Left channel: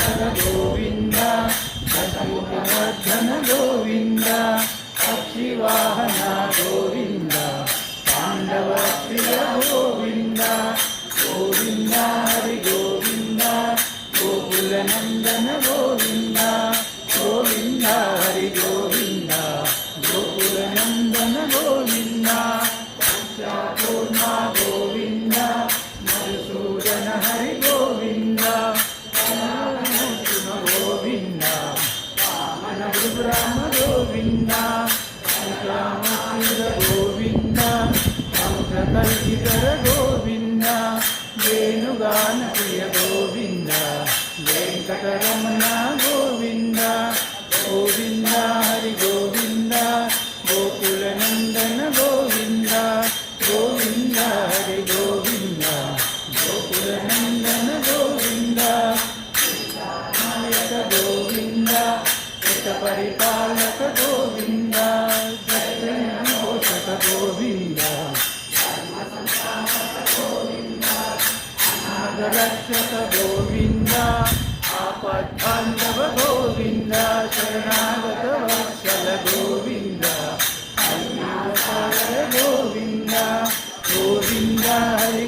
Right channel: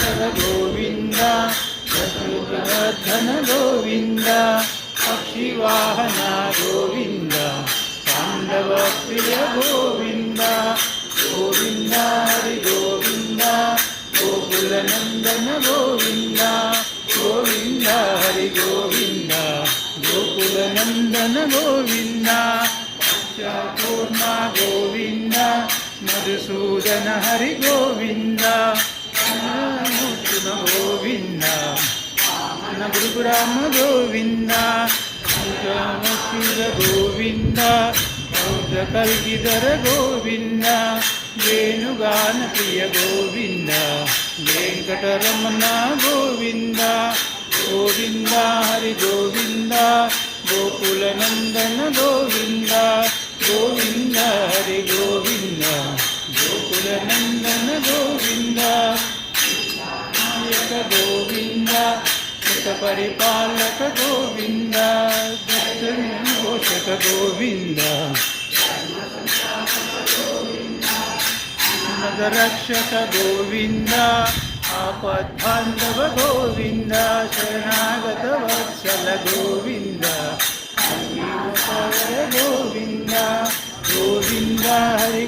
गोविंद वर्धन गोविंद पक्षिवाहन गोविंद पांडव प्रिय गोविंद गोविंद हरि गोविंद गोकुल नंदन गोविंद गोविंद हरि गोविंद गोकुल नंदन गोविंद पूर्णा गोविंद मधुसूदन हरि गोविंद गोविंद गुरु ब्रह्म गोविंद शिव गोविंद कल्गिधर गोविंद वेणुगान प्रिय गोविंद वेंकटरमण गोविंद गोविंद हरि गोविंद गोकुल नंदन गोविंद गोविंद हरि गोविंद गोकुल नंदन गोविंद नायक गोविंद परिपालक गोविंद पोषक गोविंद रक्षक गोविंद आपद्बांधव गोविंद शरणागत वत्सल गोविंद गोविंद गोविंद हरि